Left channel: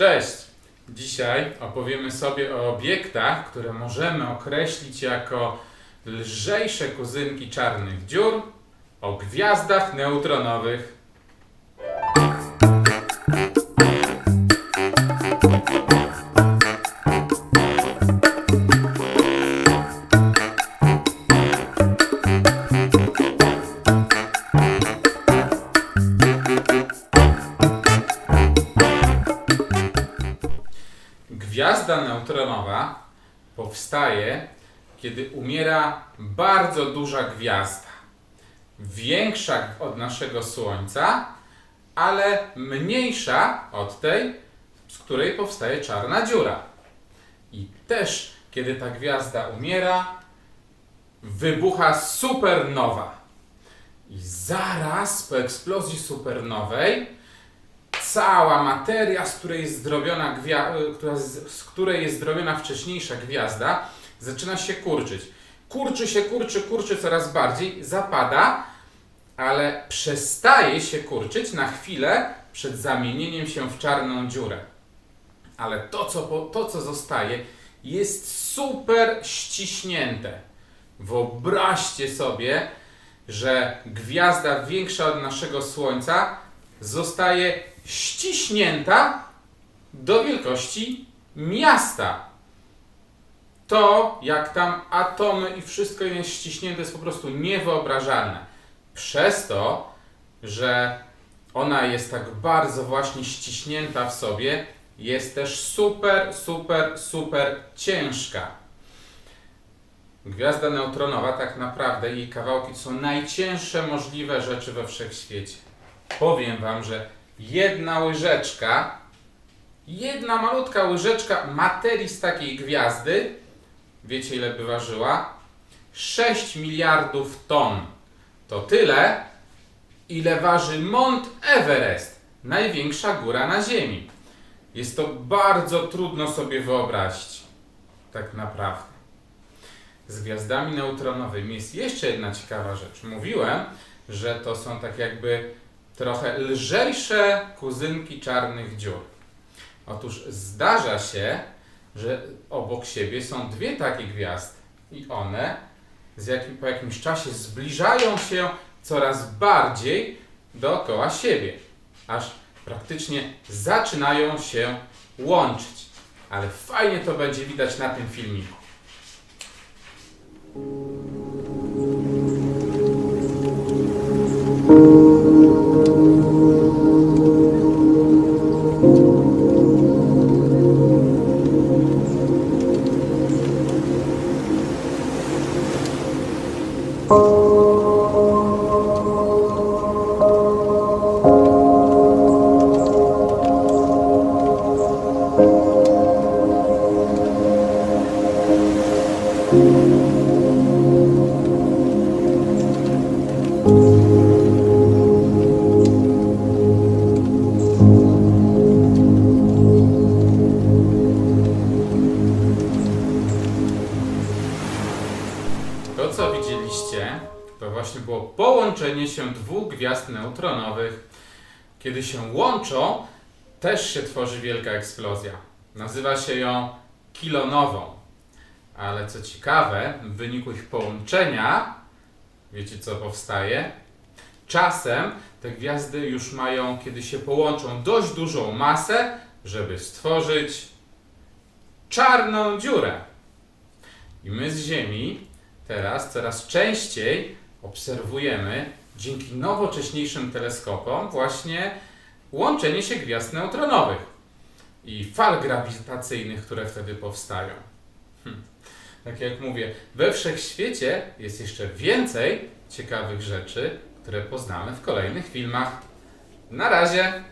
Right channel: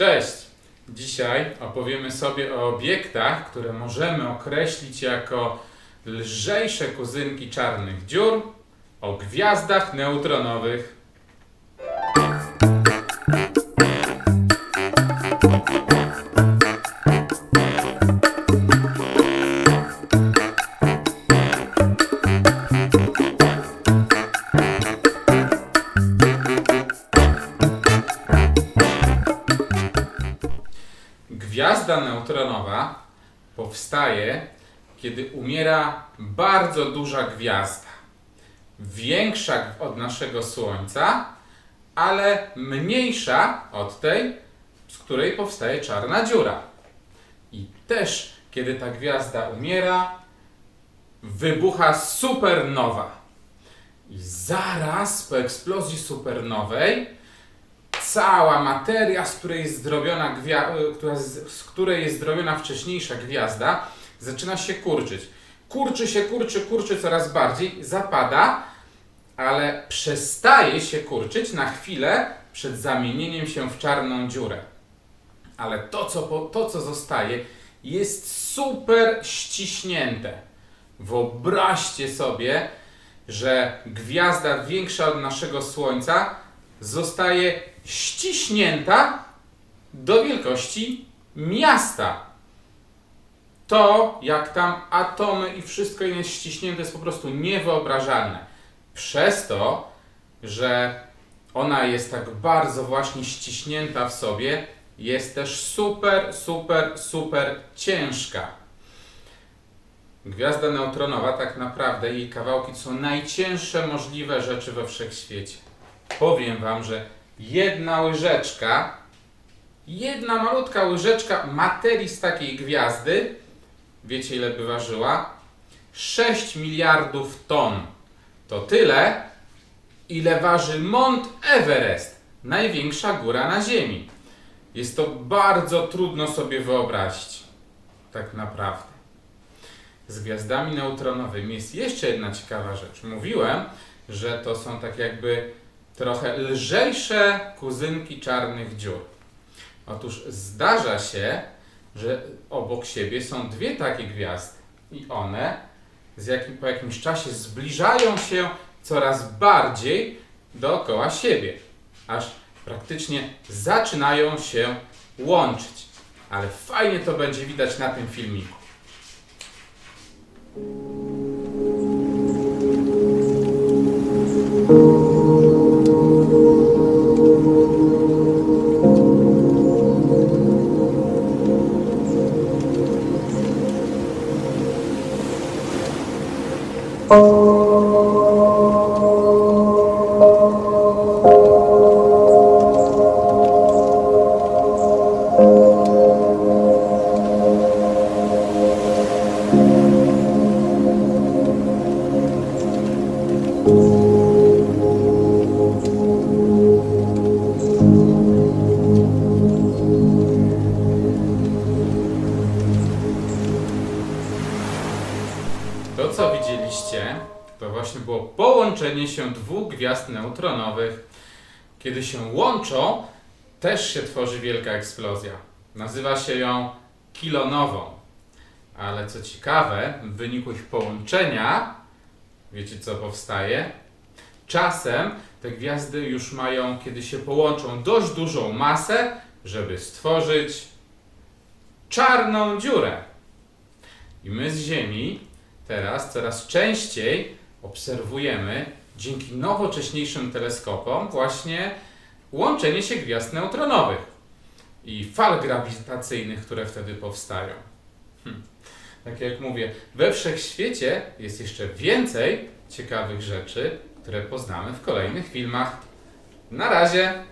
Cześć! Dzisiaj opowiemy sobie o obiektach, które możemy określić jako lżejsze kuzynki czarnych dziur, o gwiazdach neutronowych. Gwiazda neutronowa powstaje, kiedy umiera bardzo duża gwiazda. Większa od naszego Słońca, ale mniejsza od tej, z której powstaje czarna dziura. I też, kiedy ta gwiazda umiera, wybucha supernowa. I zaraz po eksplozji supernowej cała materia, z której jest zrobiona, y, która z, której jest zrobiona wcześniejsza gwiazda, zaczyna się kurczyć. Kurczy się, kurczy, kurczy coraz bardziej, zapada, ale przestaje się kurczyć na chwilę przed zamienieniem się w czarną dziurę. Ale to, co, to, co zostaje, jest super ściśnięte. Wyobraźcie sobie, że gwiazda większa od naszego Słońca zostaje ściśnięta do wielkości miasta. To, jak tam atomy i wszystko inne jest ściśnięte, jest po prostu niewyobrażalne. Przez to, że ona jest tak bardzo właśnie ściśnięta w sobie, jest też super, super, super ciężka. Gwiazda neutronowa, tak naprawdę, jej kawałki są najcięższe możliwe rzeczy we wszechświecie. Powiem Wam, że jedna łyżeczka, jedna malutka łyżeczka materii z takiej gwiazdy, wiecie ile by ważyła? 6 miliardów ton. To tyle, ile waży Mont Everest, największa góra na Ziemi. Jest to bardzo trudno sobie wyobrazić, tak naprawdę. Z gwiazdami neutronowymi jest jeszcze jedna ciekawa rzecz. Mówiłem, że to są tak jakby trochę lżejsze kuzynki czarnych dziur. Otóż zdarza się, że obok siebie są dwie takie gwiazdy i one jakim, po jakimś czasie zbliżają się coraz bardziej dookoła siebie, aż praktycznie zaczynają się łączyć. Ale fajnie to będzie widać na tym filmiku. To, co widzieliście, to właśnie było połączenie się dwóch gwiazd neutronowych. Kiedy się łączą, też się tworzy wielka eksplozja. Nazywa się ją kilonową. Ale co ciekawe, w wyniku ich połączenia, wiecie co powstaje? Czasem te gwiazdy już mają, kiedy się połączą, dość dużą masę, żeby stworzyć czarną dziurę. I my z Ziemi teraz coraz częściej obserwujemy dzięki nowocześniejszym teleskopom właśnie łączenie się gwiazd neutronowych i fal grawitacyjnych, które wtedy powstają. Hm. Tak jak mówię, we wszechświecie jest jeszcze więcej ciekawych rzeczy, które poznamy w kolejnych filmach. Na razie!